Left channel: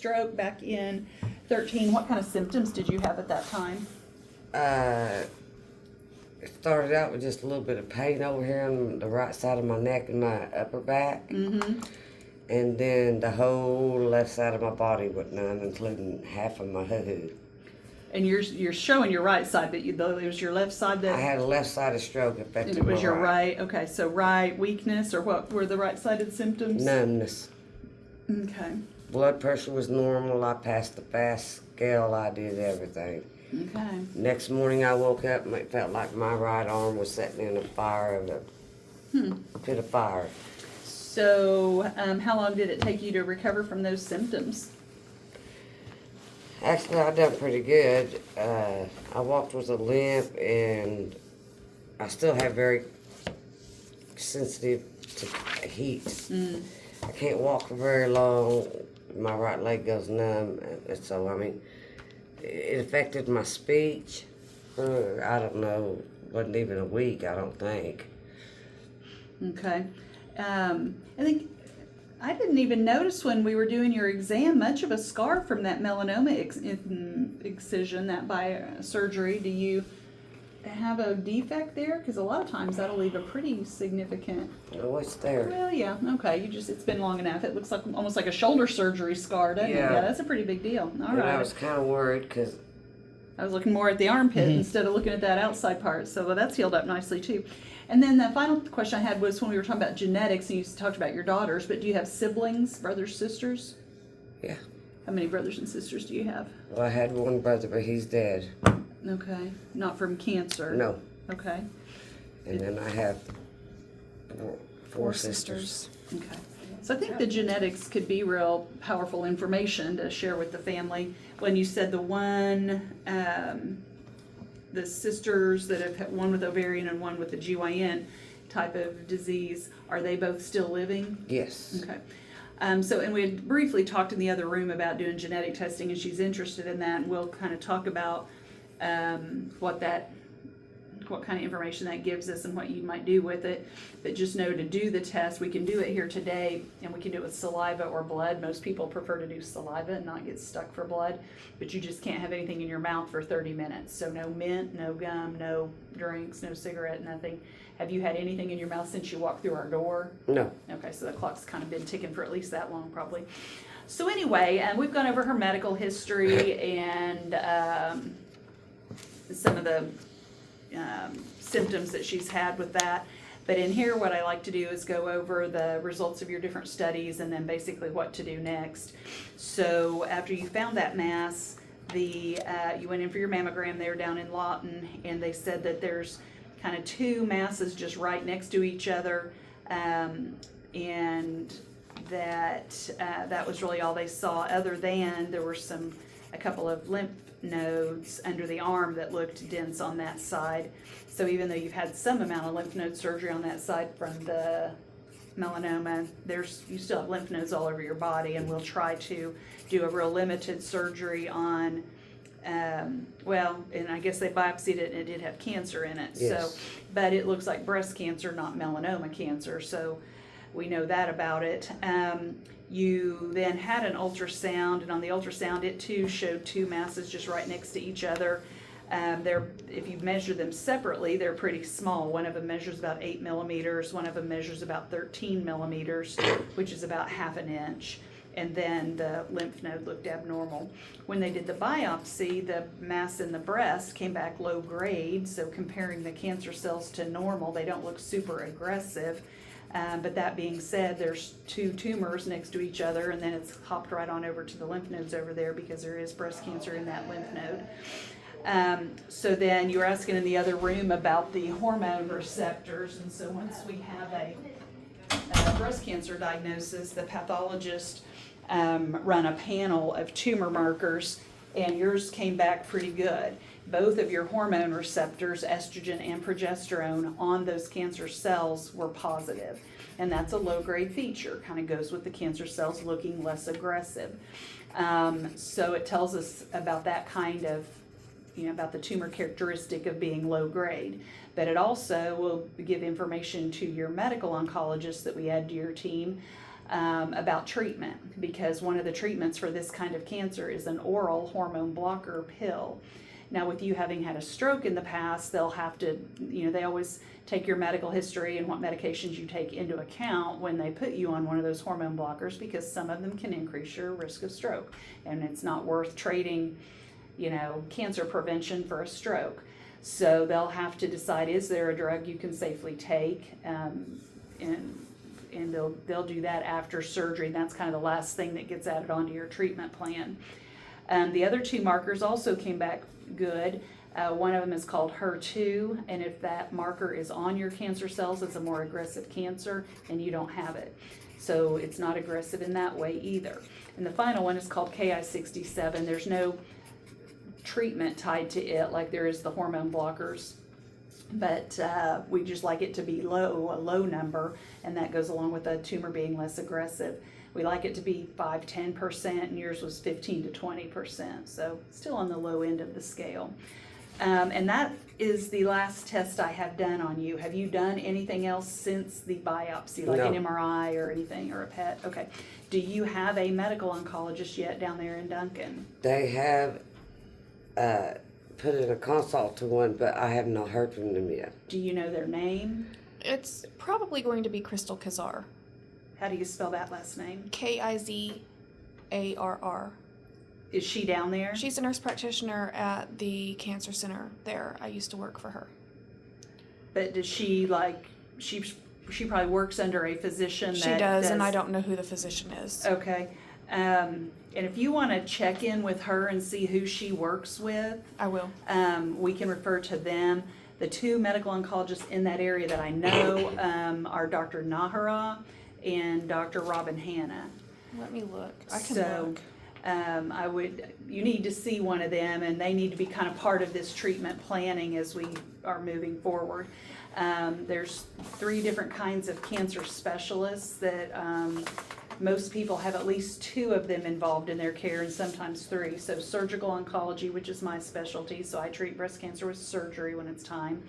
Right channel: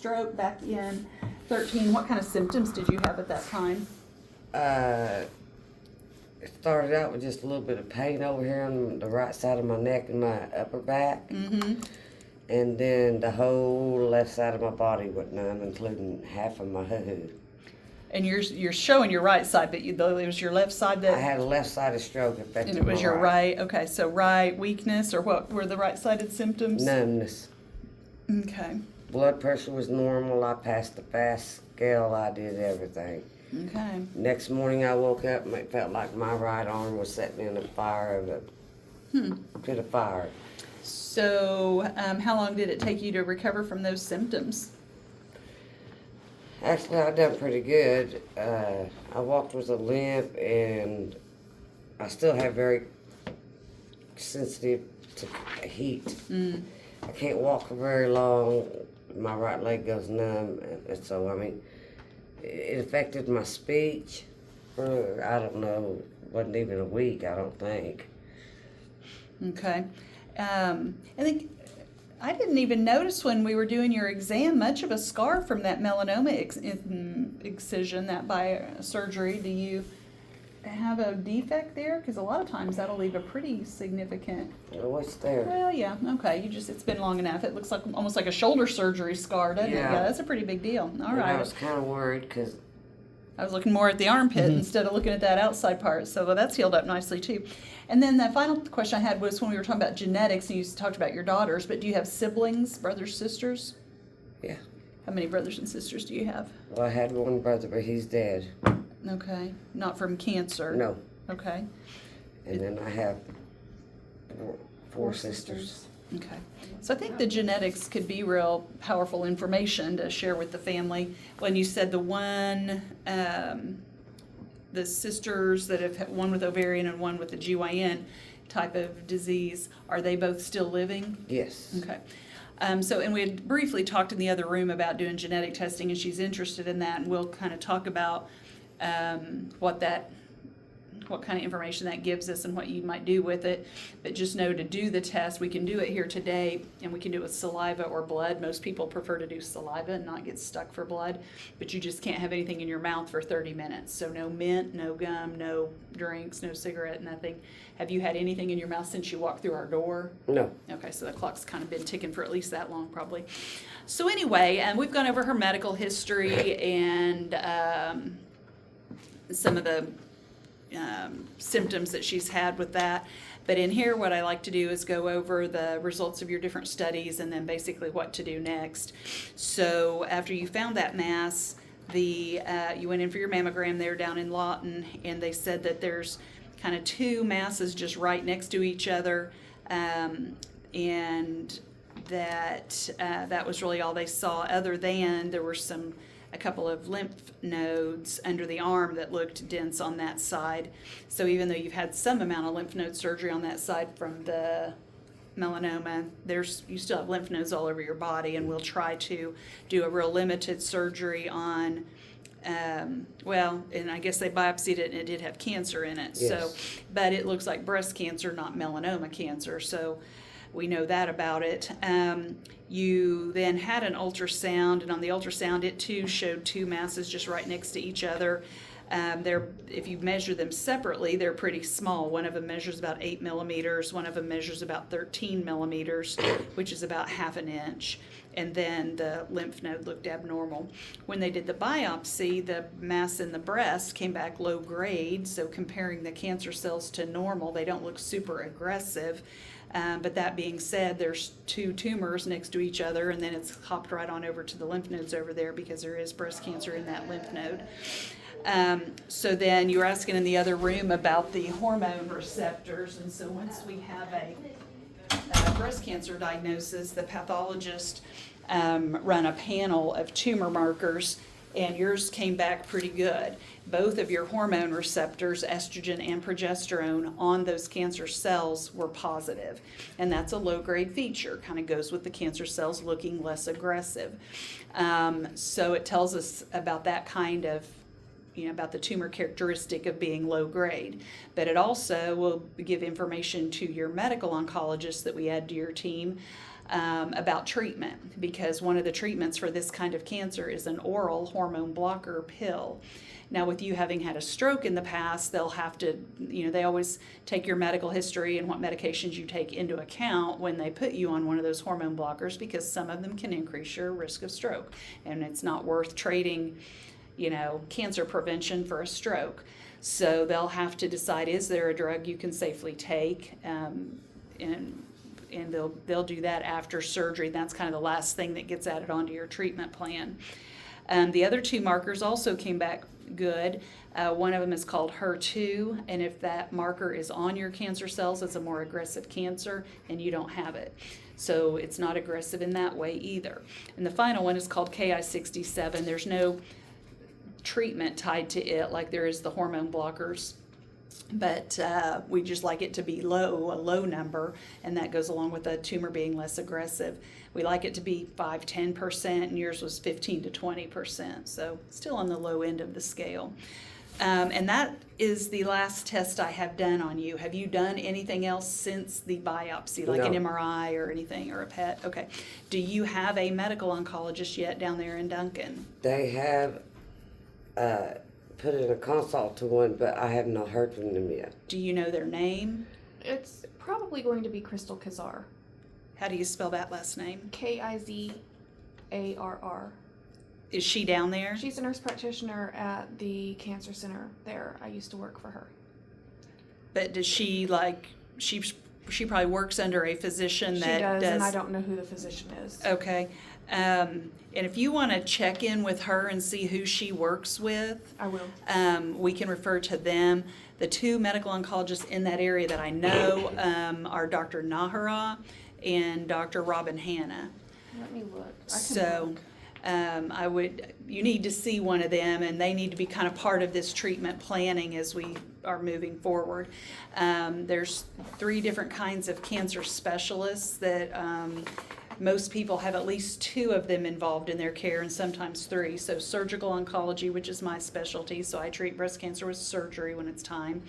stroke back in 13. What kind of symptoms did you have at that time? It started out with just a little bit of pain over here on the right side of my neck and my upper back. Mm-hmm. And then the whole left side of my body went numb, including half of my hoo-hoo. And you're showing your right side, but it was your left side that... I had a left-sided stroke affecting And it was my your right. Okay, so right weakness, or what were the right-sided symptoms? Numbness. Okay. Blood pressure was normal. I passed the fast scale. I did everything. Okay. Next morning I woke up and it felt like my right arm was sitting in a fire of a pit of fire. So, how long did it take you to recover from those symptoms? Actually, I done pretty good. I walked with a limp, and I still have very sensitive to heat. I can't walk for very long. My right leg goes numb, and so I mean, it affected my speech. I don't know, wasn't even a week, I don't think. Okay. I think I didn't even notice when we were doing your exam much of a scar from that melanoma excision, that by surgery. Do you have a defect there? Because a lot of times that'll leave a pretty significant... Oh, it's there. Well, yeah, okay. It's been long enough. It looks like almost like a shoulder surgery scar, doesn't it? Yeah. Yeah, that's a pretty big deal. All right. And I was kind of worried because... I was looking more at the armpit instead of looking at that outside part. So that's healed up nicely too. And then the final question I had was when we were talking about genetics, and you talked about your daughters, but do you have siblings, brothers, sisters? Yeah. How many brothers and sisters do you have? Well, I had one brother, but he's dead. Okay. Not from cancer? No. Okay. And then I have four sisters. Okay. So I think the genetics could be real powerful information to share with the family. When you said the sisters that have had one with ovarian and one with the GYN type of disease, are they both still living? Yes. Okay. And we had briefly talked in the other room about doing genetic testing, and she's interested in that, and we'll kind of talk about what kind of information that gives us and what you might do with it. But just know to do the test, we can do it here today, and we can do it with saliva or blood. Most people prefer to do saliva and not get stuck for blood, but you just can't have anything in your mouth for 30 minutes. So no mint, no gum, no drinks, no cigarette, nothing. Have you had anything in your mouth since you walked through our door? No. Okay, so the clock's kind of been ticking for at least that long, probably. So anyway, we've gone over her medical history and some of the symptoms that she's had with that. But in here, what I like to do is go over the results of your different studies and then basically what to do next. So after you found that mass, you went in for your mammogram there down in Lawton, and they said that there's kind of two masses just right next to each other, and that was really all they saw, other than there were a couple of lymph nodes under the arm that looked dense on that side. So even though you've had some amount of lymph node surgery on that side from the melanoma, you still have lymph nodes all over your body, and we'll try to do a real limited surgery on, and I guess they biopsied it and it did have cancer in it. Yes. So, but it looks like breast cancer, not melanoma cancer. So we know that about it. You then had an ultrasound, and on the ultrasound, it too showed two masses just right next to each other. If you measure them separately, they're pretty small. One of them measures about 8 millimeters. One of them measures about 13 millimeters, which is about half an inch. And then the lymph node looked abnormal. When they did the biopsy, the mass in the breast came back low grade. So comparing the cancer cells to normal, they don't look super aggressive. But that being said, there's two tumors next to each other, and then it's hopped right on over to the lymph nodes over there because there is breast cancer in that lymph node. So then you were asking in the other room about the hormone receptors, and so once we have a breast cancer diagnosis, the pathologist run a panel of tumor markers, and yours came back pretty good. Both of your hormone receptors, estrogen and progesterone, on those cancer cells were positive. And that's a low-grade feature, kind of goes with the cancer cells looking less aggressive. So it tells us about that kind of, about the tumor characteristic of being low grade. But it also will give information to your medical oncologist that we add to your team about treatment, because one of the treatments for this kind of cancer is an oral hormone blocker pill. Now, with you having had a stroke in the past, they'll have to, they always take your medical history and what medications you take into account when they put you on one of those hormone blockers, because some of them can increase your risk of stroke. And it's not worth trading, cancer prevention for a stroke. So they'll have to decide, is there a drug you can safely take? And they'll do that after surgery. That's kind of the last thing that gets added onto your treatment plan. The other two markers also came back good. One of them is called HER2, and if that marker is on your cancer cells, it's a more aggressive cancer, and you don't have it. So it's not aggressive in that way either. And the final one is called Ki-67. There's no treatment tied to it like there is the hormone blockers, but we just like it to be a low number, and that goes along with the tumor being less aggressive. We like it to be 5-10%, and yours was 15 to 20%, so still on the low end of the scale. And that is the last test I have done on you. Have you done anything else since the biopsy, like an MRI or anything, or a PET? Okay. Do you have a medical oncologist yet down there in Duncan? They have put in a consult to one, but I have not heard from them yet. Do you know their name? It's probably going to be Crystal Kazar. How do you spell that last name? Kizarr. Is she down there? She's a nurse practitioner at the cancer center there. I used to work for her. But does she she probably works under a physician that She does, and I don't know who the physician is. Okay. And if you want to check in with her and see who she works with, I will. we can refer to them. The two medical oncologists in that area that I know are Dr. Nahara and Dr. Robin Hanna. Let me look. I can look. You need to see one of them, and they need to be kind of part of this treatment planning as we are moving forward. There's 3 different kinds of cancer specialists that most people have at least 2 of them involved in their care, and sometimes 3. So surgical oncology, which is my specialty, so I treat breast cancer with surgery when it's time.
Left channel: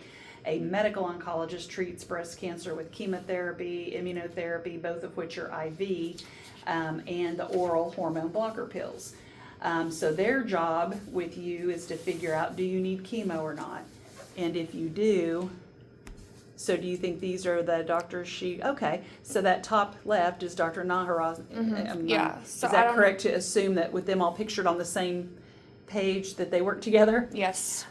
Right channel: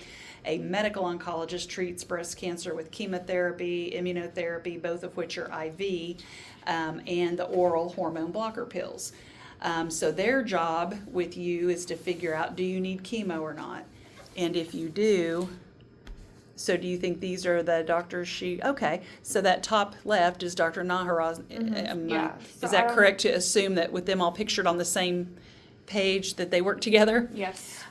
A medical oncologist treats breast cancer with chemotherapy, immunotherapy, both of which are IV, and the oral hormone blocker pills. So their job with you is to figure out, do you need chemo or not? And if you do, so do you think these are the doctors okay, so that top left is Dr. Nahara. Yeah. So is that correct to assume that with them all pictured on the same page that they work together? Yes.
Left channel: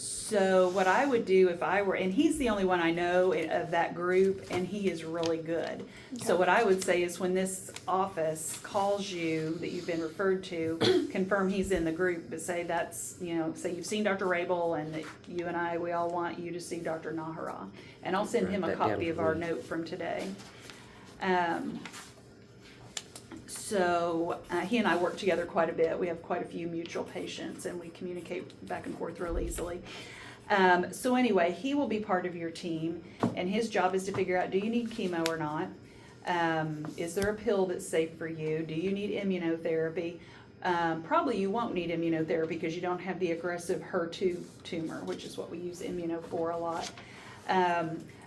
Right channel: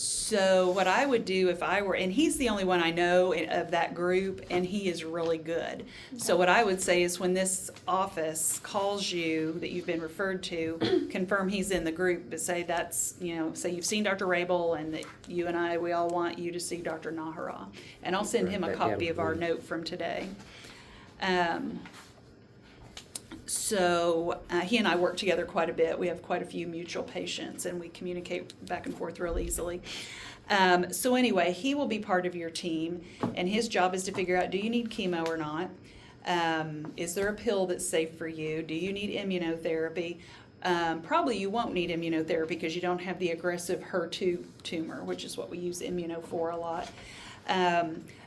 So what I would do if I were, and he's the only one I know of that group, and he is really good. Okay. So what I would say is when this office calls you that you've been referred to, confirm he's in the group, but say that's, say you've seen Dr. Rabel and that you and we all want you to see Dr. Nahara. And I'll send him a copy of our note from today. So he and I work together quite a bit. We have quite a few mutual patients, and we communicate back and forth real easily. So anyway, he will be part of your team, and his job is to figure out, do you need chemo or not? Is there a pill that's safe for you? Do you need immunotherapy? Probably you won't need immunotherapy because you don't have the aggressive HER2 tumor, which is what we use immuno for a lot.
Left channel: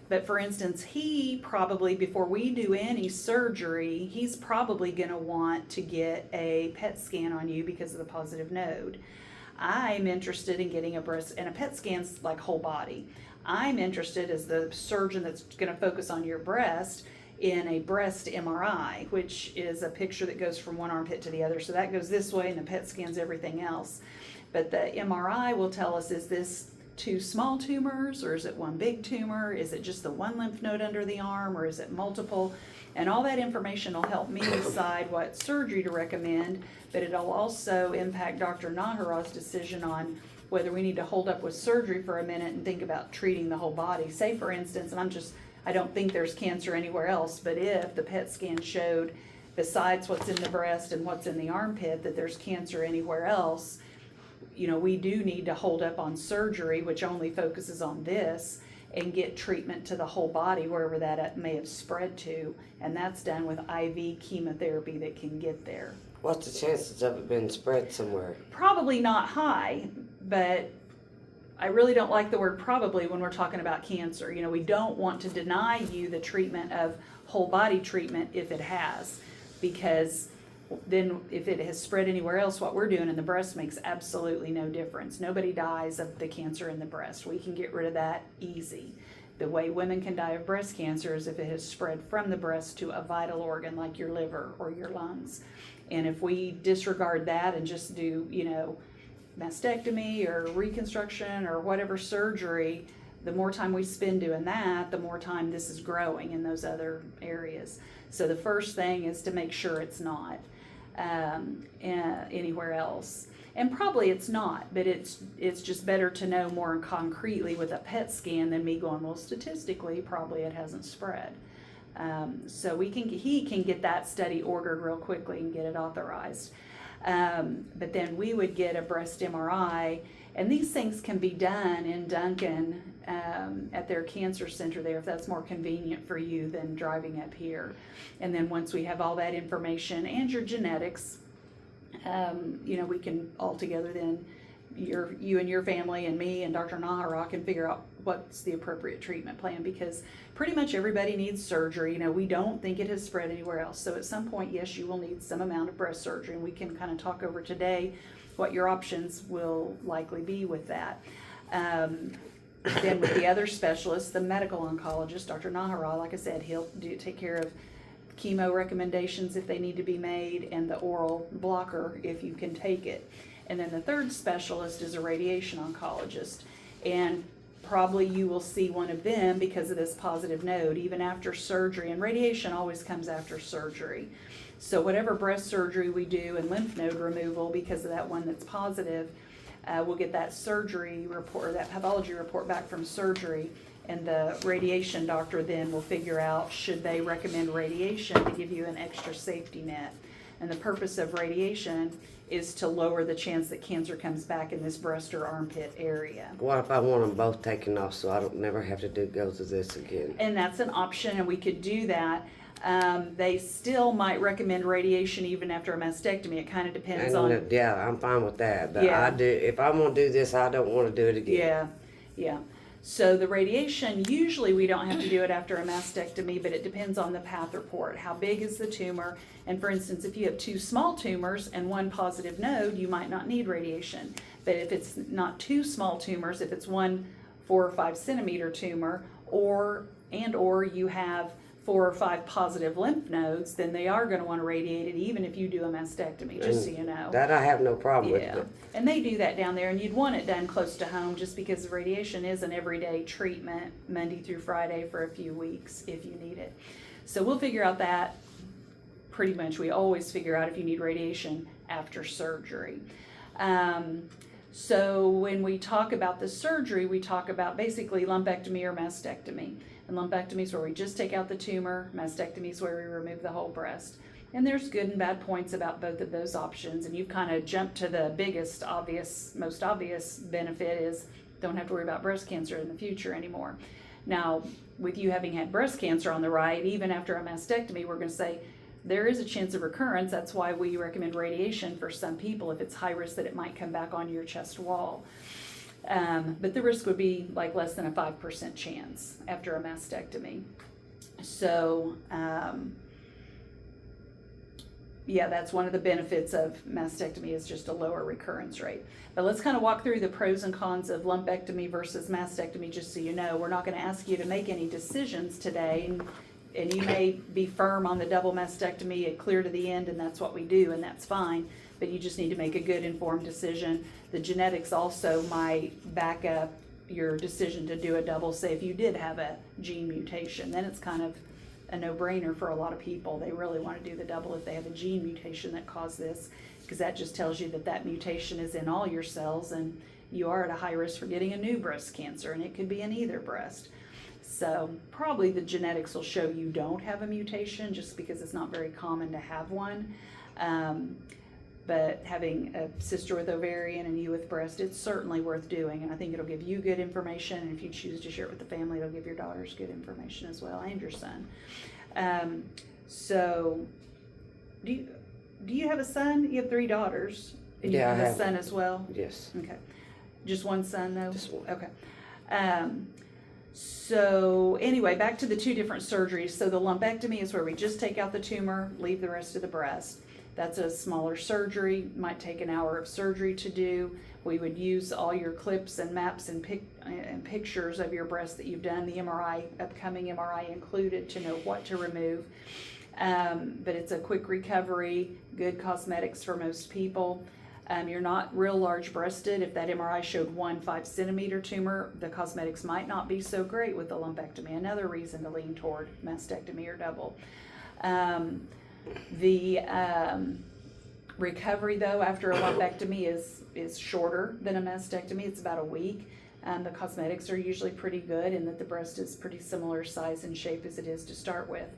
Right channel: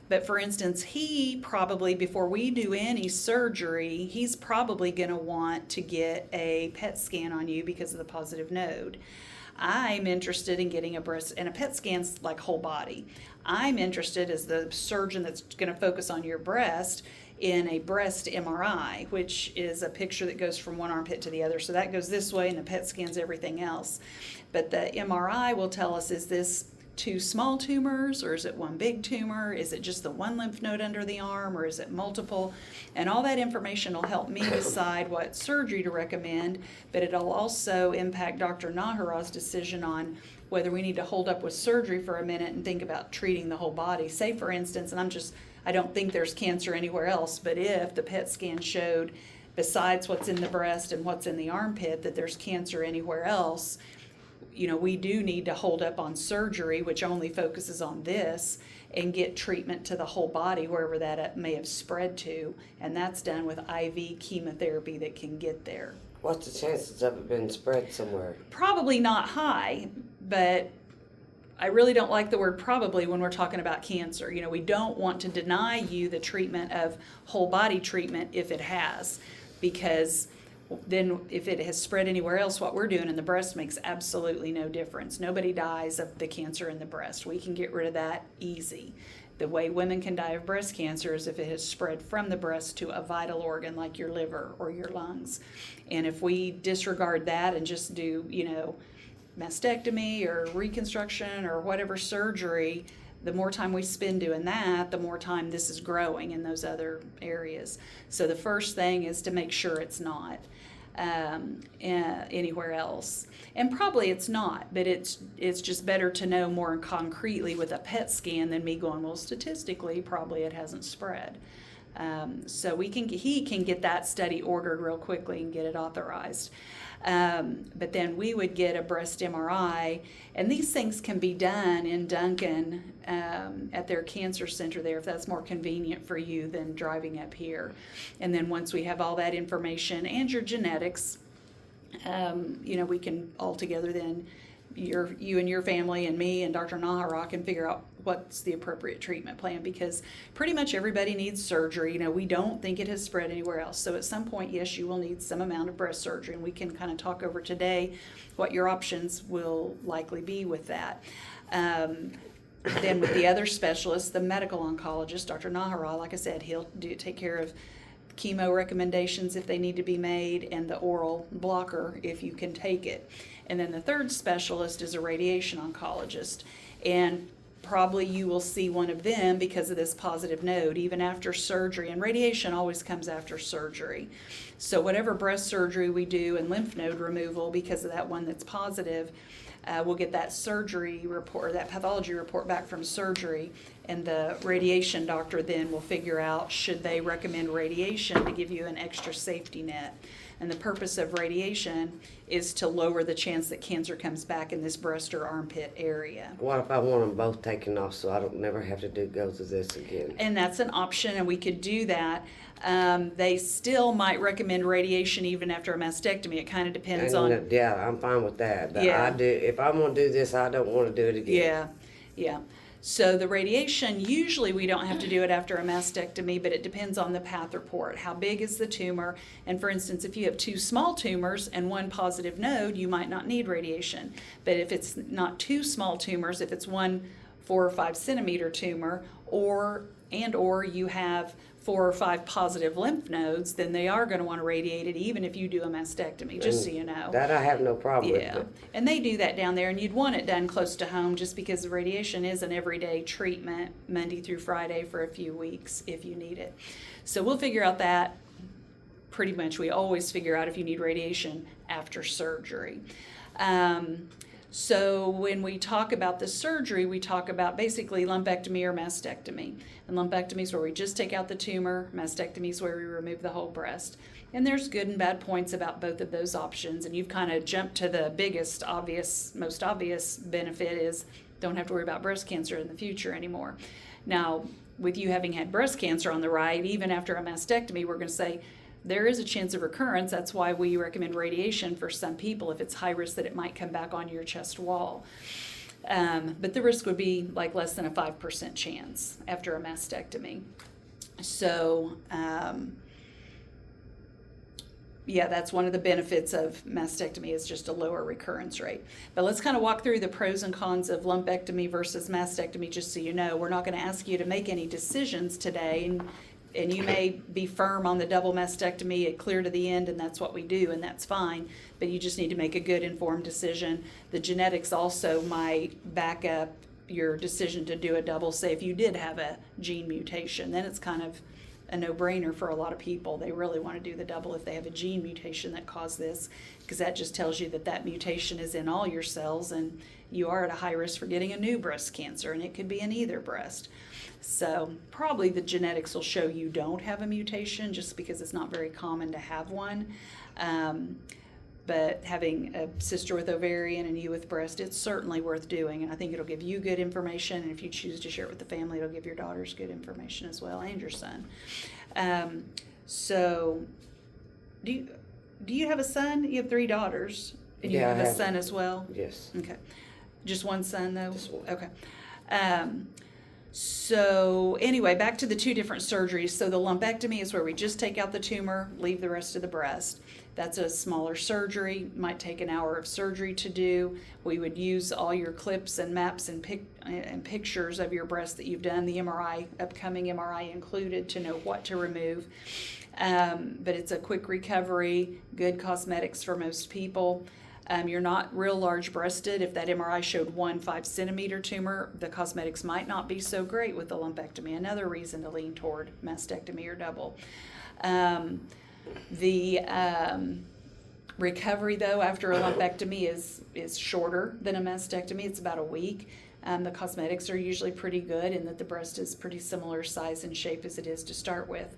But for instance, he probably, before we do any surgery, he's probably going to want to get a PET scan on you because of the positive node. I'm interested in getting a breast, and a PET scan's like whole body. I'm interested as the surgeon that's going to focus on your breast in a breast MRI, which is a picture that goes from one armpit to the other. So that goes this way, and the PET scan's everything else. But the MRI will tell us, is this 2 small tumors, or is it 1 big tumor? Is it just the 1 lymph node under the arm, or is it multiple? And all that information will help me decide what surgery to recommend, but it'll also impact Dr. Nahara's decision on whether we need to hold up with surgery for a minute and think about treating the whole body. Say, for instance, and I don't think there's cancer anywhere else, but if the PET scan showed, besides what's in the breast and what's in the armpit, that there's cancer anywhere else, we do need to hold up on surgery, which only focuses on this, and get treatment to the whole body wherever that may have spread to, and that's done with IV chemotherapy that can get there. What's the chances of it being spread somewhere? Probably not high, but I really don't like the word probably when we're talking about cancer. You know, we don't want to deny you the treatment of whole body treatment if it has, because then if it has spread anywhere else, what we're doing in the breast makes absolutely no difference. Nobody dies of the cancer in the breast. We can get rid of that easy. The way women can die of breast cancer is if it has spread from the breast to a vital organ like your liver or your lungs. And if we disregard that and just do, you know, mastectomy or reconstruction or whatever surgery, the more time we spend doing that, the more time this is growing in those other areas. So the first thing is to make sure it's not anywhere else. And probably it's not, but it's just better to know more concretely with a PET scan than me going, well, statistically, probably it hasn't spread. So he can get that study ordered real quickly and get it authorized. But then we would get a breast MRI, and these things can be done in Duncan at their cancer center there if that's more convenient for you than driving up here. And then once we have all that information and your genetics, you know, we can all together then, you and your family and me and Dr. Nahara can figure out what's the appropriate treatment plan, because pretty much everybody needs surgery. You know, we don't think it has spread anywhere else. So at some point, yes, you will need some amount of breast surgery, and we can kind of talk over today what your options will likely be with that. Then with the other specialist, the medical oncologist, Dr. Nahara, like I said, he'll take care of chemo recommendations if they need to be made, and the oral blocker if you can take it. And then the third specialist is a radiation oncologist, and probably you will see one of them because of this positive node even after surgery, and radiation always comes after surgery. So whatever breast surgery we do and lymph node removal, because of that one that's positive, we'll get that surgery report, or that pathology report back from surgery, and the radiation doctor then will figure out should they recommend radiation to give you an extra safety net. And the purpose of radiation is to lower the chance that cancer comes back in this breast or armpit area. What if I want them both taken off so I don't never have to go through this again? And that's an option, and we could do that. They still might recommend radiation even after a mastectomy. It kind of depends on. Yeah, I'm fine with that. But Yeah. if I want to do this, I don't want to do it again. Yeah. So the radiation, usually we don't have to do it after a mastectomy, but it depends on the path report. How big is the tumor? And for instance, if you have two small tumors and one positive node, you might not need radiation. But if it's not two small tumors, if it's 1 4 or 5 centimeter tumor, or you have 4 or 5 positive lymph nodes, then they are going to want to radiate it even if you do a mastectomy, just so you know. That I have no problem Yeah, with. and they do that down there, and you'd want it done close to home just because the radiation is an everyday treatment, Monday through Friday for a few weeks if you need it. So we'll figure out that pretty much. We always figure out if you need radiation after surgery. So when we talk about the surgery, we talk about basically lumpectomy or mastectomy. And lumpectomy is where we just take out the tumor. Mastectomy is where we remove the whole breast. And there's good and bad points about both of those options. And you've kind of jumped to the most obvious benefit is don't have to worry about breast cancer in the future anymore. Now, with you having had breast cancer on the right, even after a mastectomy, we're going to say there is a chance of recurrence. That's why we recommend radiation for some people if it's high risk that it might come back on your chest wall. But the risk would be like less than a 5% chance after a mastectomy. So, yeah, that's one of the benefits of mastectomy is just a lower recurrence rate. But let's kind of walk through the pros and cons of lumpectomy versus mastectomy, just so you know. We're not going to ask you to make any decisions today, and you may be firm on the double mastectomy, clear to the end, and that's what we do, and that's fine. But you just need to make a good informed decision. The genetics also might back up your decision to do a double. Say if you did have a gene mutation, then it's kind of a no-brainer for a lot of people. They really want to do the double if they have a gene mutation that caused this, because that just tells you that mutation is in all your cells, and you are at a high risk for getting a new breast cancer, and it could be in either breast. So probably the genetics will show you don't have a mutation, just because it's not very common to have one. But having a sister with ovarian and you with breast, it's certainly worth doing, and I think it'll give you good information, and if you choose to share it with the family, it'll give your daughters good information as well, and your son. So do you have a son? You have 3 daughters, and you Yeah, have I a have son as well? Yes. Okay. Just one son, though? Just one. Okay. So anyway, back to the two different surgeries. So the lumpectomy is where we just take out the tumor, leave the rest of the breast. That's a smaller surgery, might take an hour of surgery to do. We would use all your clips and maps and pictures of your breast that you've done, the MRI, upcoming MRI included, to know what to remove. But it's a quick recovery, good cosmetics for most people. You're not real large breasted. If that MRI showed 1 5-centimeter tumor, the cosmetics might not be so great with the lumpectomy. Another reason to lean toward mastectomy or double. The recovery, though, after a lumpectomy is shorter than a mastectomy. It's about a week. The cosmetics are usually pretty good in that the breast is pretty similar size and shape as it is to start with.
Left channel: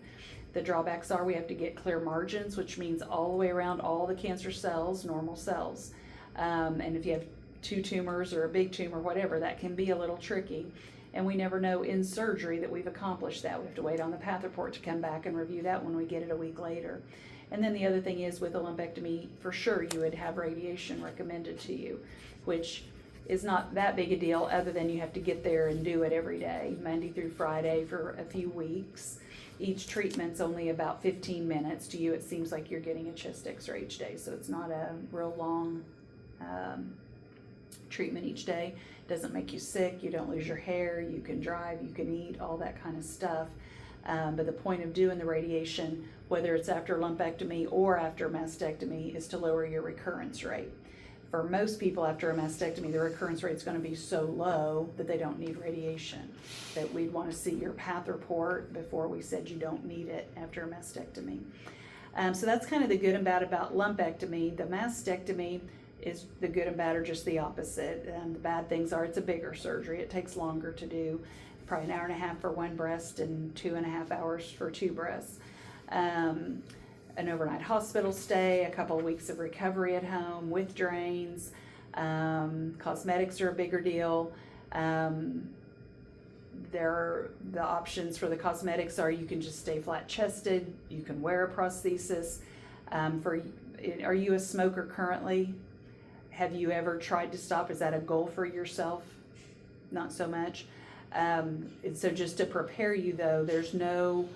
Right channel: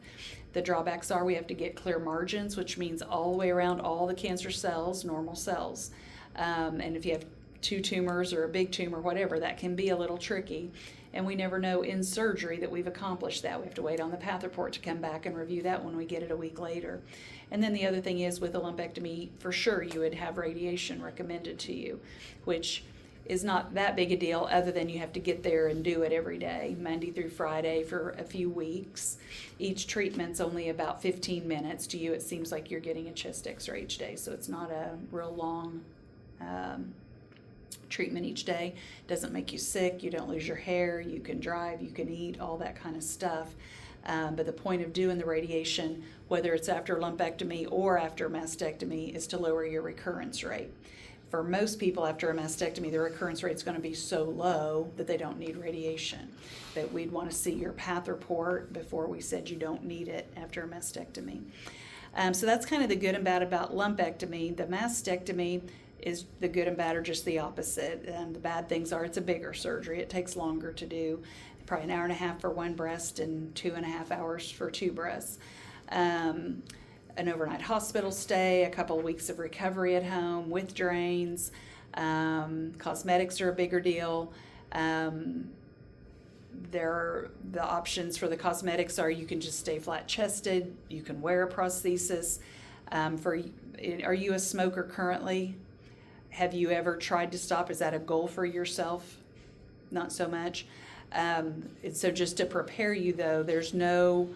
The drawbacks are we have to get clear margins, which means all the way around all the cancer cells, normal cells. And if you have 2 tumors or a big tumor, whatever, that can be a little tricky. And we never know in surgery that we've accomplished that. We have to wait on the path report to come back and review that when we get it a week later. And then the other thing is with a lumpectomy, for sure you would have radiation recommended to you, which is not that big a deal other than you have to get there and do it every day, Monday through Friday for a few weeks. Each treatment's only about 15 minutes. To you, it seems like you're getting a chest x-ray each day, so it's not a real long treatment each day. Doesn't make you sick, you don't lose your hair, you can drive, you can eat, all that kind of stuff. But the point of doing the radiation, whether it's after lumpectomy or after mastectomy, is to lower your recurrence rate. For most people after a mastectomy, the recurrence rate is going to be so low that they don't need radiation. That we'd want to see your path report before we said you don't need it after a mastectomy. So that's kind of the good and bad about lumpectomy. The mastectomy is the good and bad are just the opposite. The bad things are it's a bigger surgery. It takes longer to do, probably an hour and a half for one breast and 2.5 hours for 2 breasts. An overnight hospital stay, a couple of weeks of recovery at home with drains. Cosmetics are a bigger deal. The options for the cosmetics are you can just stay flat chested, you can wear a prosthesis. Are you a smoker currently? Have you ever tried to stop? Is that a goal for yourself? Not so much. And so just to prepare you though, there's no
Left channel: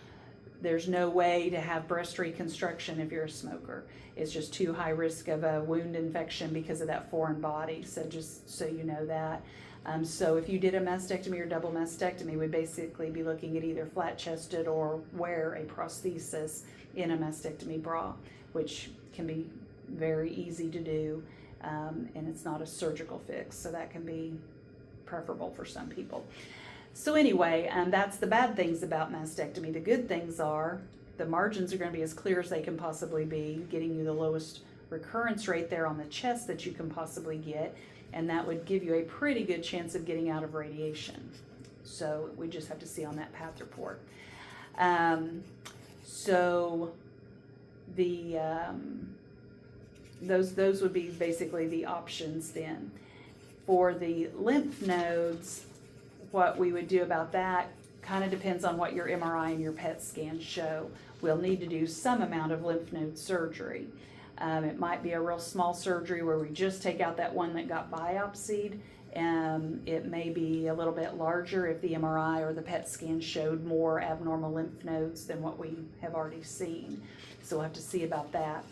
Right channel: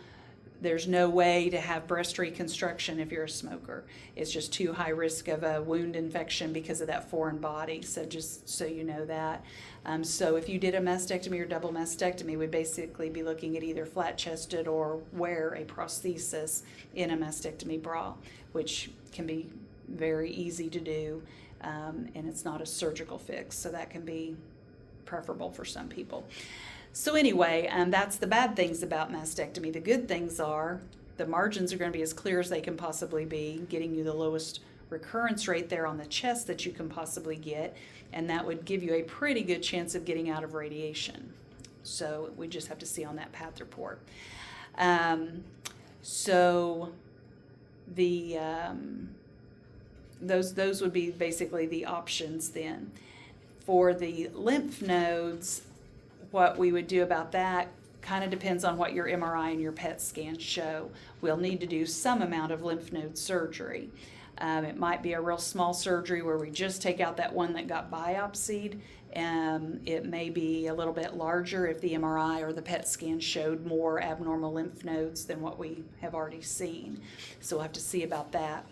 way to have breast reconstruction if you're a smoker. It's just too high risk of a wound infection because of that foreign body. So just so you know that. So if you did a mastectomy or double mastectomy, we'd basically be looking at either flat chested or wear a prosthesis in a mastectomy bra, which can be very easy to do. And it's not a surgical fix. So that can be preferable for some people. So anyway, that's the bad things about mastectomy. The good things are the margins are going to be as clear as they can possibly be, getting you the lowest recurrence rate there on the chest that you can possibly get, and that would give you a pretty good chance of getting out of radiation. So we just have to see on that path report. So the those would be basically the options then. For the lymph nodes, what we would do about that kind of depends on what your MRI and your PET scans show. We'll need to do some amount of lymph node surgery. It might be a real small surgery where we just take out that one that got biopsied. It may be a little bit larger if the MRI or the PET scan showed more abnormal lymph nodes than what we have already seen. So we'll have to see about that.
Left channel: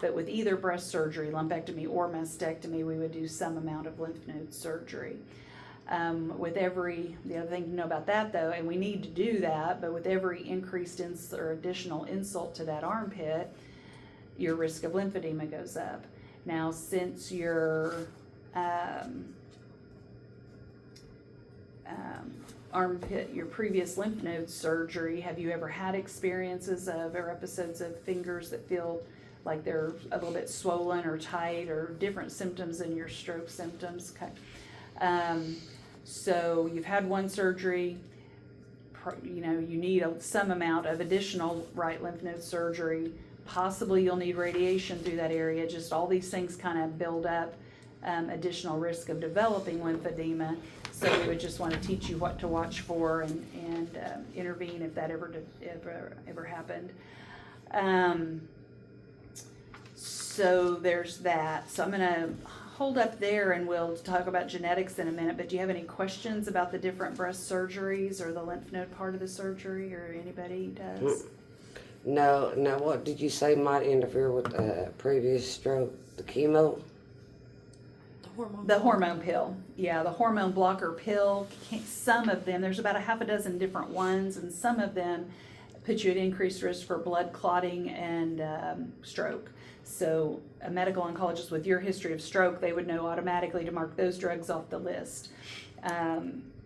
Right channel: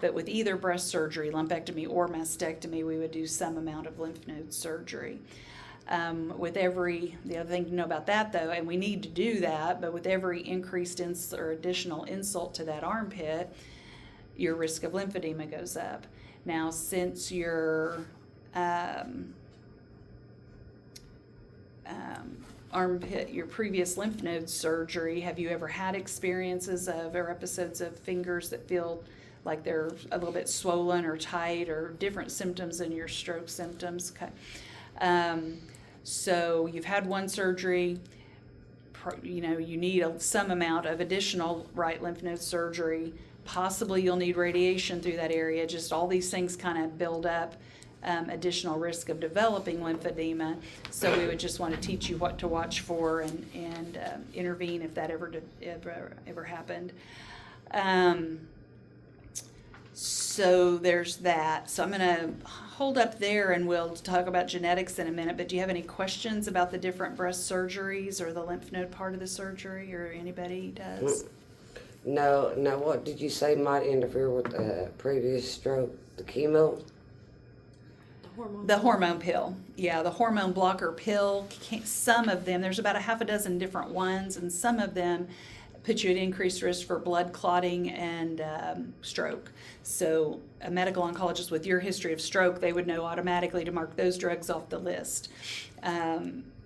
But with either breast surgery, lumpectomy or mastectomy, we would do some amount of lymph node surgery. The other thing to know about that though, and we need to do that, but with every increased or additional insult to that armpit, your risk of lymphedema goes up. Now, since your armpit, your previous lymph node surgery, have you ever had experiences or episodes of fingers that feel like they're a little bit swollen or tight or different symptoms than your stroke symptoms? Okay. So you've had one surgery, you need some amount of additional right lymph node surgery. Possibly you'll need radiation through that area. Just all these things kind of build up additional risk of developing lymphedema. So we would just want to teach you what to watch for and intervene if that ever happened. So there's that. So I'm going to hold up there and we'll talk about genetics in a minute, but do you have any questions about the different breast surgeries or the lymph node part of the surgery, or anybody does? No, what did you say might interfere with previous stroke? The chemo? The hormone pill. Yeah, the hormone blocker pill. Some of them, there's about a half a dozen different ones, and some of them put you at increased risk for blood clotting and stroke. So a medical oncologist with your history of stroke, they would know automatically to mark those drugs off the list.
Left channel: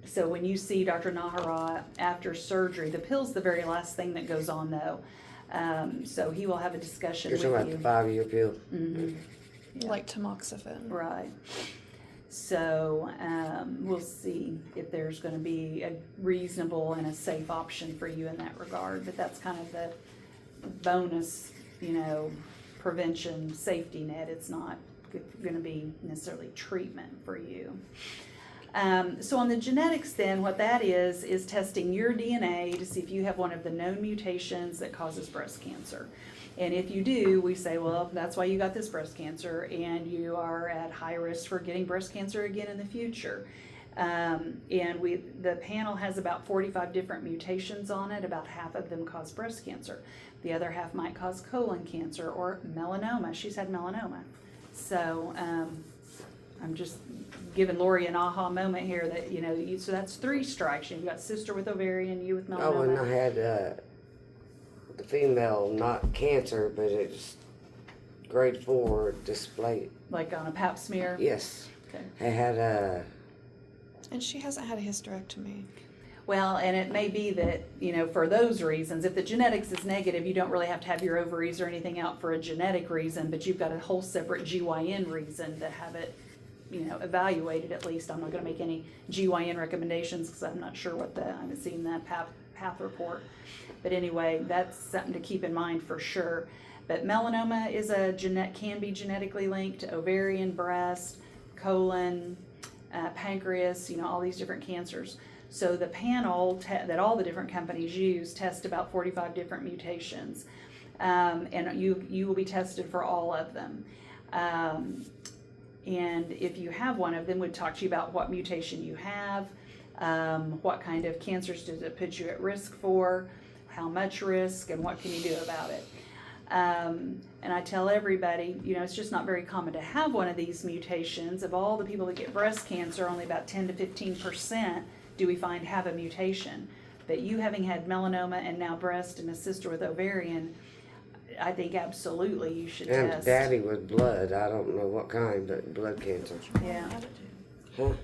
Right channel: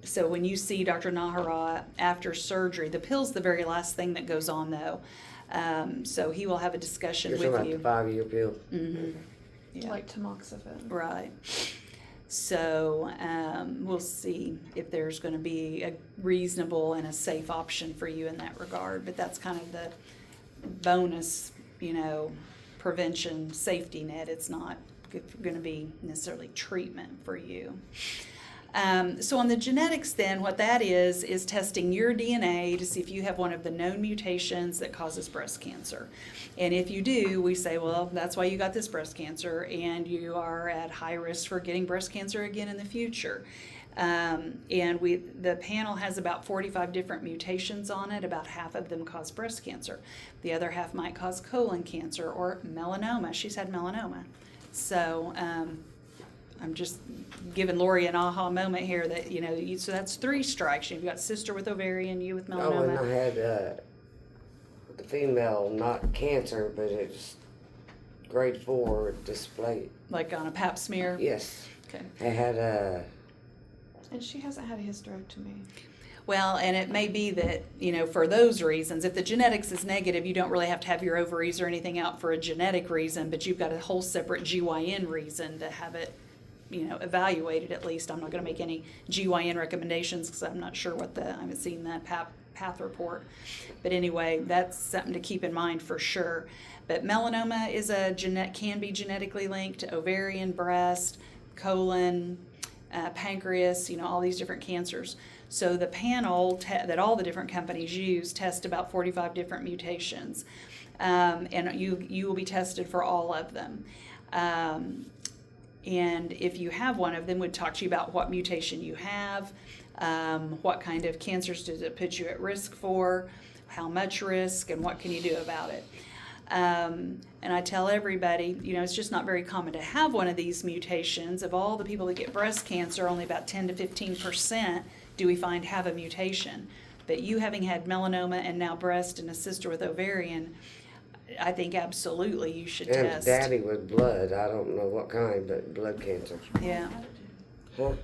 So when you see Dr. Nahara after surgery, the pill's the very last thing that goes on though. So he will have a discussion You're with talking you. about the 5-year pill? Mhm. Yeah. Like tamoxifen. Right. So we'll see if there's going to be a reasonable and a safe option for you in that regard. But that's kind of the bonus, prevention safety net. It's not going to be necessarily treatment for you. So on the genetics then, what that is testing your DNA to see if you have one of the known mutations that causes breast cancer. And if you do, we say, well, that's why you got this breast cancer, and you are at high risk for getting breast cancer again in the future. And the panel has about 45 different mutations on it. About half of them cause breast cancer. The other half might cause colon cancer or melanoma. She's had melanoma. So I'm just giving Lori an aha moment here that, so that's 3 strikes. You've got sister with ovarian, you with melanoma. Oh, and I had the female, not cancer, but it's grade 4 display. Like on a pap smear? Yes. Okay. I had And she hasn't had a hysterectomy. Well, and it may be that, for those reasons, if the genetics is negative, you don't really have to have your ovaries or anything out for a genetic reason, but you've got a whole separate GYN reason to have it, evaluated at least. I'm not going to make any GYN recommendations because I'm not sure I haven't seen that path report. But anyway, that's something to keep in mind for sure. But melanoma can be genetically linked to ovarian, breast, colon, pancreas, all these different cancers. So the panel that all the different companies use test about 45 different mutations, and you will be tested for all of them. And if you have one of them, would talk to you about what mutation you have, what kind of cancers does it put you at risk for, how much risk, and what can you do about it. And I tell everybody, it's just not very common to have one of these mutations. Of all the people that get breast cancer, only about 10 to 15% do we find have a mutation. But you having had melanoma and now breast and a sister with ovarian, I think absolutely you should and test. daddy with blood. I don't know what kind, but blood cancer. Yeah. Huh?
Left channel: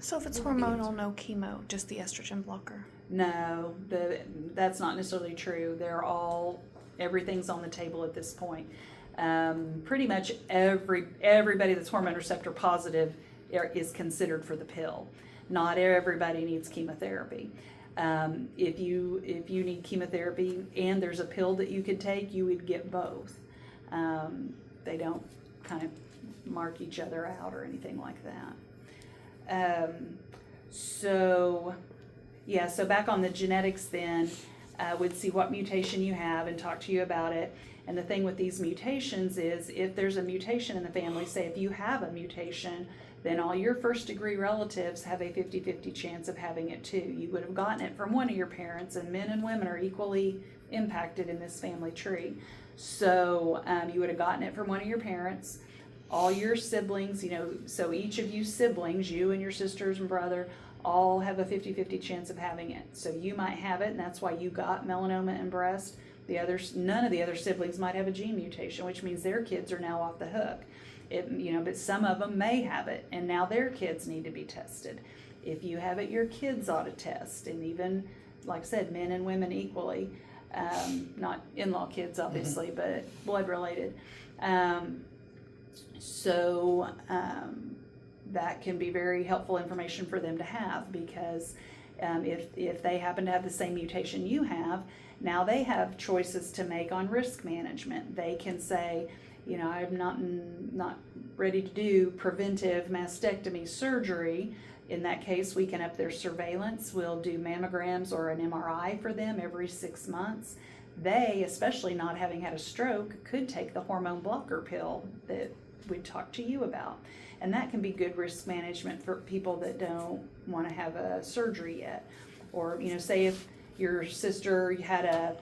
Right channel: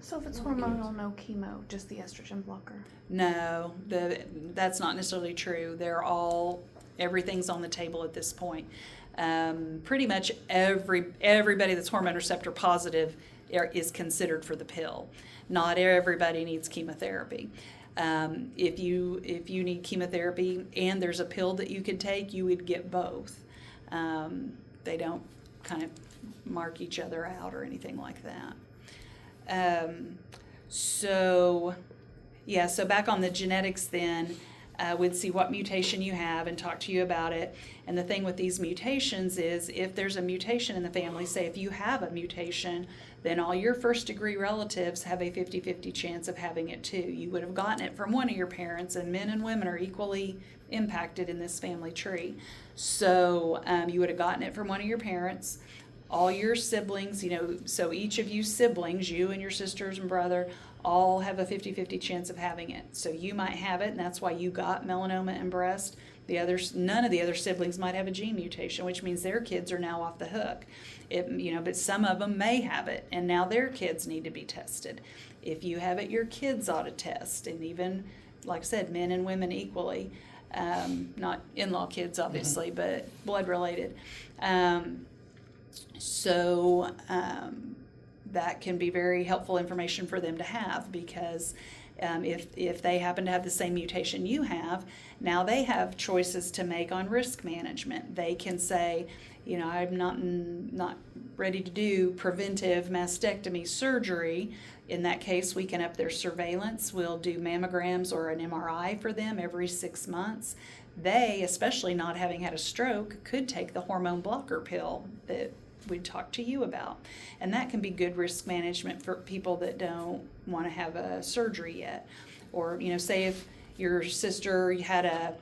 So if it's hormonal, no chemo, just the estrogen blocker. No, that's not necessarily true. Everything's on the table at this point. Pretty much everybody that's hormone receptor positive is considered for the pill. Not everybody needs chemotherapy. If you need chemotherapy and there's a pill that you could take, you would get both. They don't kind of mark each other out or anything like that. So back on the genetics then, we'd see what mutation you have and talk to you about it. And the thing with these mutations is if there's a mutation in the family, say if you have a mutation, then all your first degree relatives have a 50-50 chance of having it too. You would have gotten it from one of your parents, and men and women are equally impacted in this family tree. So you would have gotten it from one of your parents. All your siblings, so each of you siblings, you and your sisters and brother, all have a 50-50 chance of having it. So you might have it, and that's why you got melanoma and breast. None of the other siblings might have a gene mutation, which means their kids are now off the hook. But some of them may have it, and now their kids need to be tested. If you have it, your kids ought to test, and even, like I said, men and women equally. Not in-law kids, obviously, but blood-related. That can be very helpful information for them to have, because if they happen to have the same mutation you have, now they have choices to make on risk management. They can say, I'm not ready to do preventive mastectomy surgery. In that case, we can up their surveillance. We'll do mammograms or an MRI for them every 6 months. They, especially not having had a stroke, could take the hormone blocker pill that we'd talk to you about. And that can be good risk management for people that don't want to have a surgery yet. Or, say if your sister had a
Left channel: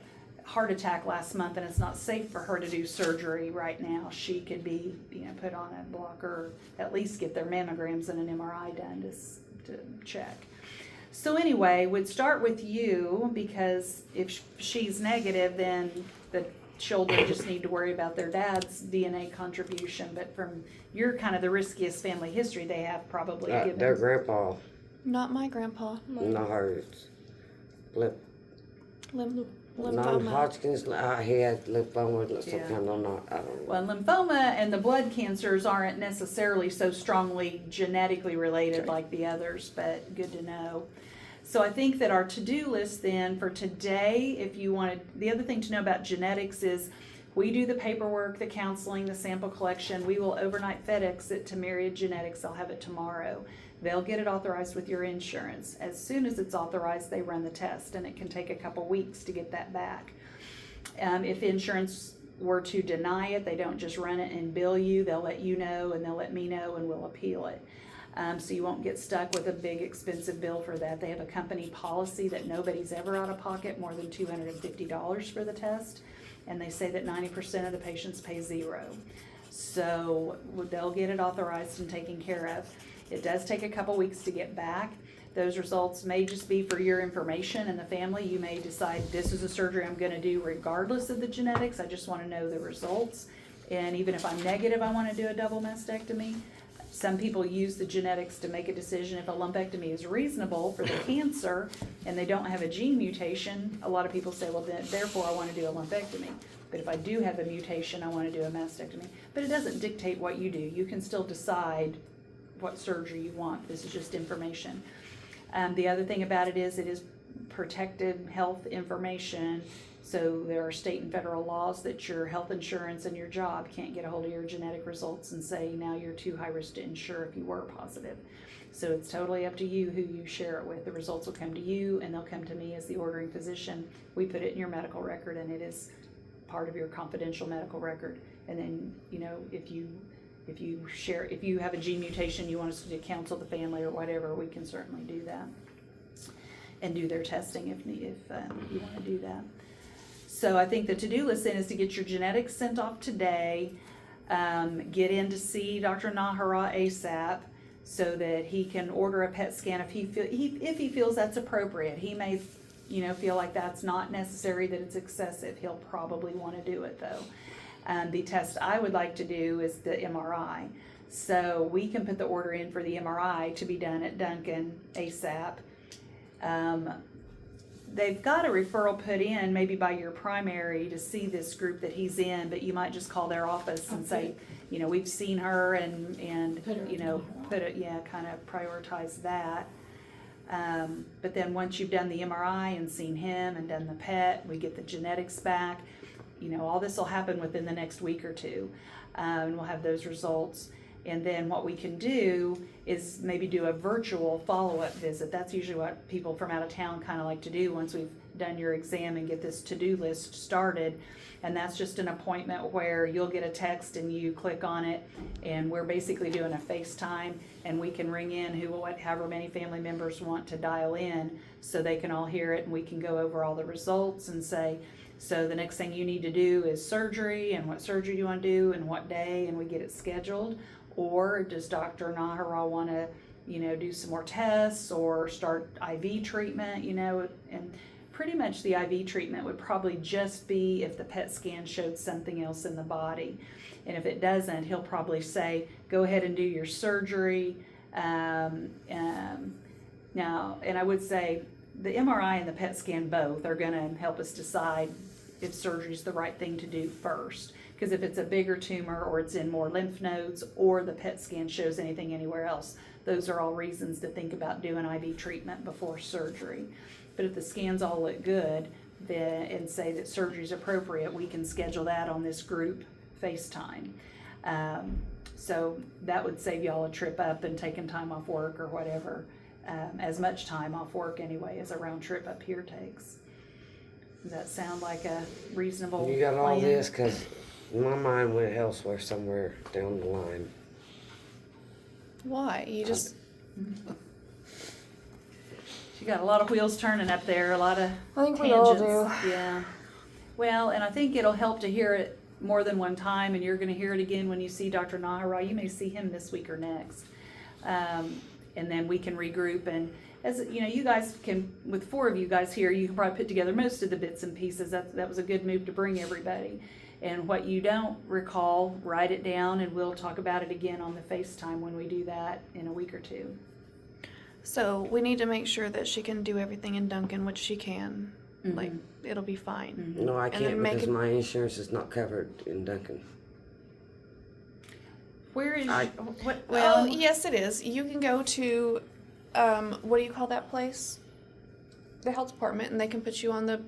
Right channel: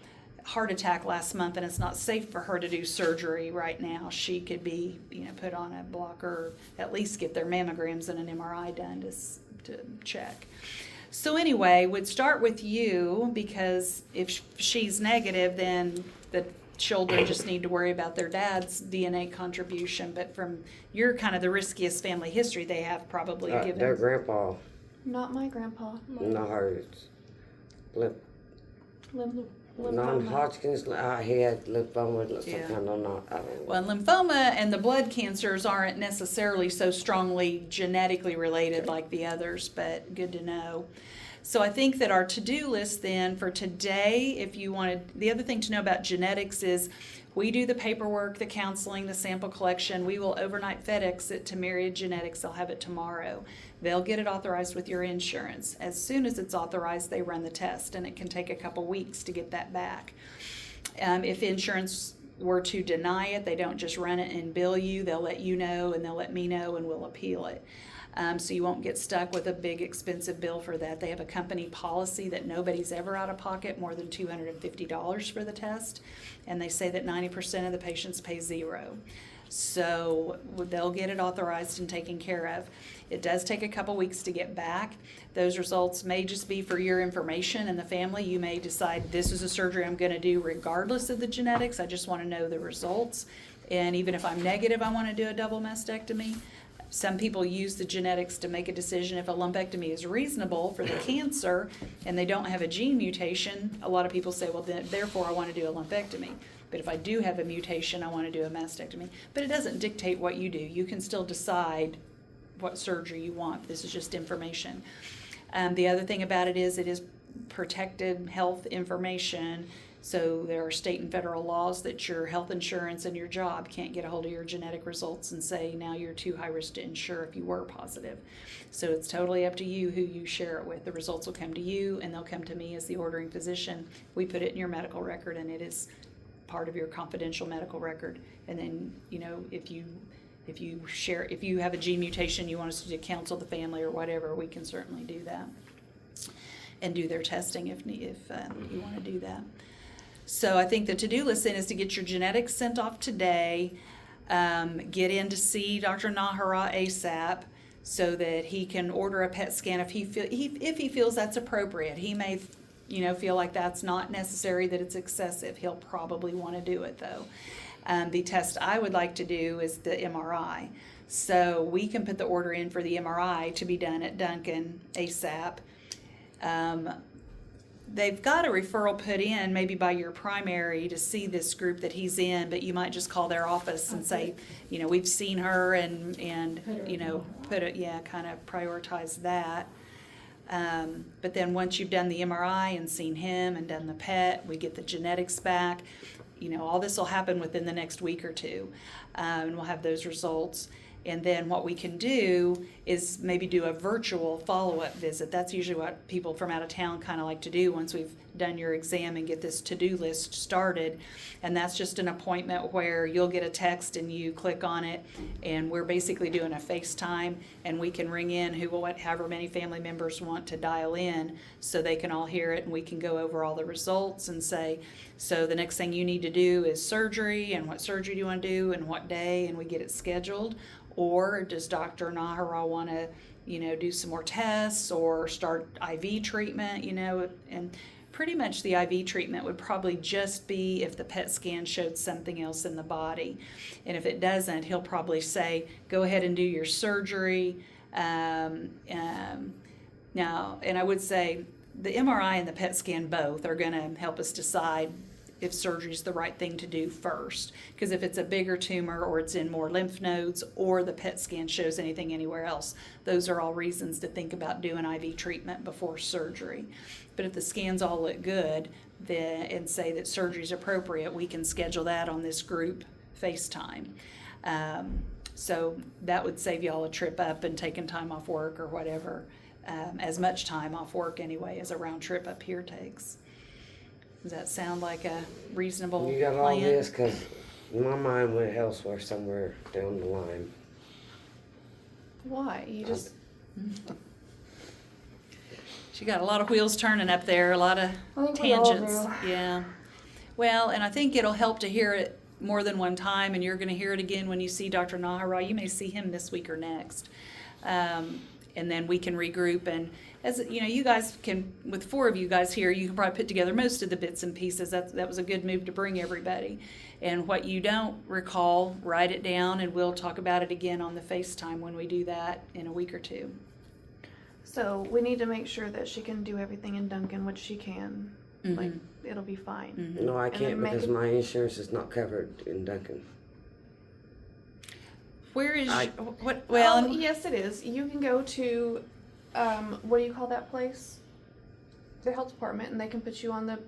heart attack last month and it's not safe for her to do surgery right now, she could be, put on a blocker, at least get their mammograms and an MRI done to check. So anyway, we'd start with you, because if she's negative, then the children just need to worry about their dad's DNA contribution. But from your kind of the riskiest family history they have probably given. Their grandpa, Not my grandpa. not hers. Lymphoma. Non-Hodgkin's, he had lymphoma, some Yeah. kind of not, I don't know. Well, lymphoma and the blood cancers aren't necessarily so strongly genetically related like the others, but good to know. So I think that our to-do list then for today, if you wanted, the other thing to know about genetics is we do the paperwork, the counseling, the sample collection. We will overnight FedEx it to Myriad Genetics. They'll have it tomorrow. They'll get it authorized with your insurance. As soon as it's authorized, they run the test, and it can take a couple weeks to get that back. If insurance were to deny it, they don't just run it and bill you. They'll let you know, and they'll let me know, and we'll appeal it. So you won't get stuck with a big expensive bill for that. They have a company policy that nobody's ever out of pocket more than $250 for the test, and they say that 90% of the patients pay zero. So they'll get it authorized and taken care of. It does take a couple weeks to get back. Those results may just be for your information and the family. You may decide this is a surgery I'm going to do regardless of the genetics. I just want to know the results. And even if I'm negative, I want to do a double mastectomy. Some people use the genetics to make a decision. If a lumpectomy is reasonable for the cancer and they don't have a gene mutation, a lot of people say, well, then, therefore I want to do a lumpectomy. But if I do have a mutation, I want to do a mastectomy. But it doesn't dictate what you do. You can still decide what surgery you want. This is just information. The other thing about it is protected health information. So there are state and federal laws that your health insurance and your job can't get a hold of your genetic results and say now you're too high risk to insure if you were positive. So it's totally up to you who you share it with. The results will come to you and they'll come to me as the ordering physician. We put it in your medical record and it is part of your confidential medical record. And then, if you have a gene mutation, you want us to counsel the family or whatever, we can certainly do that and do their testing if you want to do that. So I think the to-do list then is to get your genetics sent off today, get in to see Dr. Nahara ASAP so that he can order a PET scan if he feels that's appropriate. He may feel like that's not necessary, that it's excessive. He'll probably want to do it though. The test I would like to do is the MRI. So we can put the order in for the MRI to be done at Duncan ASAP. They've got a referral put in maybe by your primary to see this group that he's in, but you might just call their office and say, we've seen her and kind of prioritize that. But then once you've done the MRI and seen him and done the PET, we get the genetics back. All this will happen within the next week or two, and we'll have those results. And then what we can do is maybe do a virtual follow-up visit. That's usually what people from out of town kind of like to do once we've done your exam and get this to-do list started. And that's just an appointment where you'll get a text and you click on it, and we're basically doing a FaceTime, and we can ring in however many family members want to dial in so they can all hear it, and we can go over all the results and say, so the next thing you need to do is surgery, and what surgery do you want to do and what day, and we get it scheduled. Or does Dr. Nahara want to, do some more tests or start IV treatment, and pretty much the IV treatment would probably just be if the PET scan showed something else in the body. And if it doesn't, he'll probably say, go ahead and do your surgery. Now, and I would say the MRI and the PET scan both are going to help us decide if surgery is the right thing to do first. Because if it's a bigger tumor or it's in more lymph nodes or the PET scan shows anything anywhere else, those are all reasons to think about doing IV treatment before surgery. But if the scans all look good and say that surgery is appropriate, we can schedule that on this group FaceTime. So that would save y'all a trip up and taking time off work or whatever, as much time off work anyway as a round trip up here takes. Does that sound like a reasonable You got all plan? this because My mind went elsewhere somewhere down the line. Why? You just, She got a lot of wheels turning up there, a lot of I think we all tangents. do. Yeah. Well, and I think it'll help to hear it more than one time, and you're going to hear it again when you see Dr. Nahara. You may see him this week or next. And then we can regroup, and as you know, you guys can, with 4 of you guys here, you can probably put together most of the bits and pieces. That was a good move to bring everybody. And what you don't recall, write it down, and we'll talk about it again on the FaceTime when we do that in a week or 2. so we need to make sure that she can do everything in Duncan, which she can. Like, it'll be fine. No, I And then can't make because it- my insurance is not covered in Duncan. Where is I- what? Well, Well, yes, it is. You can go to, what do you call that place? The health department, and they can put you on the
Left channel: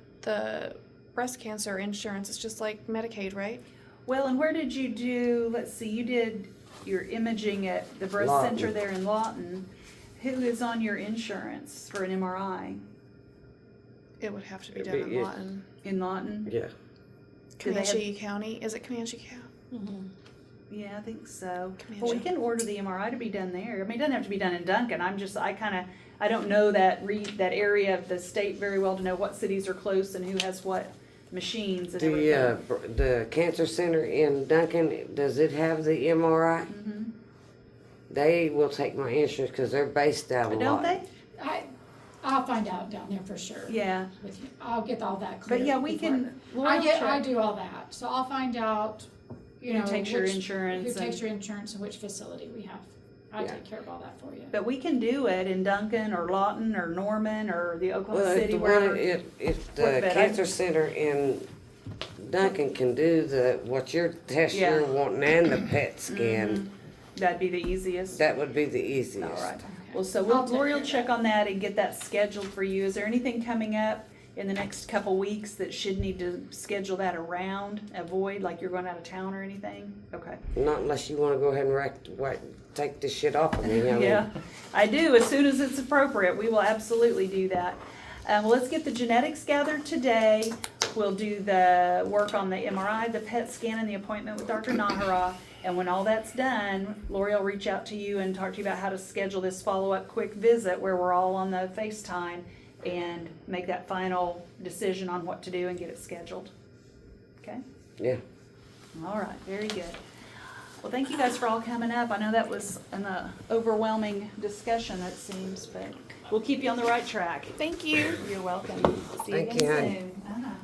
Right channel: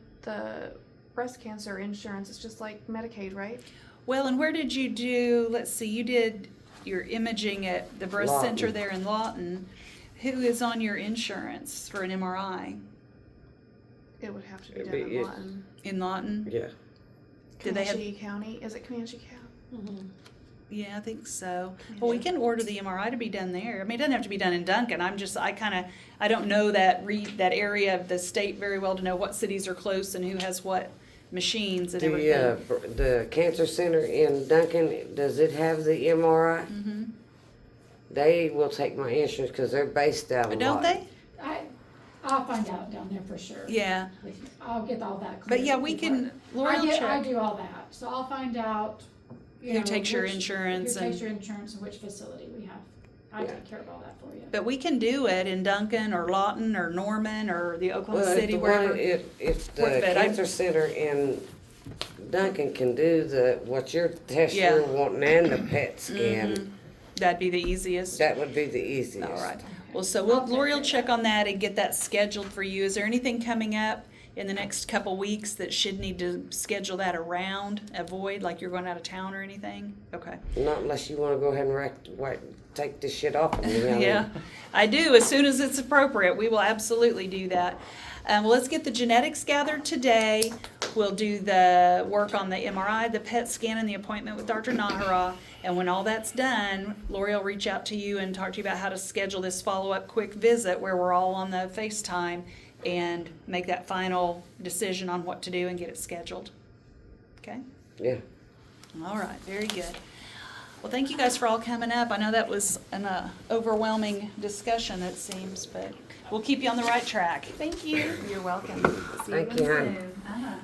breast cancer insurance. It's just like Medicaid, right? well, and where did you do? Let's see, you did your imaging at the breast Lawton. center there in Lawton. Who is on your insurance for an MRI It would have to be It'd done be- in Lawton. in Lawton? Yeah. Do they have- Comanche County. Is it Comanche County? Yeah, I think so. Comanche. Well, we can order the MRI to be done there. I mean, it doesn't have to be done in Duncan. I don't know that that area of the state very well to know what cities are close and who has what machines and everything. The cancer center in Duncan, does it have the MRI? Mhm. They will take my insurance because they're based out But of don't Lawton. they? I'll find out down there for sure. Yeah. With you. I'll get all that clear. But yeah, we can, Laura will I check. do all that, so I'll find out, you Who know, takes your which- insurance Who takes and- your insurance and which facility we have. I Yeah. take care of all that for you. But we can do it in Duncan or Lawton or Norman or the Oklahoma Well, if City, the wherever. one, if the Work better. cancer center in Duncan can do what you're testing, Yeah. you're wanting and the PET scan, Mhm. That'd be the easiest. that would be the easiest. All right. Well, so I'll take Lori will care of check that. on that and get that scheduled for you. Is there anything coming up in the next couple weeks that should need to schedule that around, avoid, like you're going out of town or anything? Okay. Not unless you wanna go ahead and take this shit off of me. I mean, Yeah, I do. As soon as it's appropriate, we will absolutely do that. Well, let's get the genetics gathered today. We'll do the work on the MRI, the PET scan, and the appointment with Dr. Nahara. And when all that's done, Lori will reach out to you and talk to you about how to schedule this follow-up quick visit where we're all on the FaceTime and make that final decision on what to do and get it scheduled. Okay? Yeah. All right, very good. Well, thank you guys for all coming up. I know that was an overwhelming discussion, it seems, but we'll keep you on the right track. Thank you. You're welcome. See Thank again you, hon. soon. Uh-huh.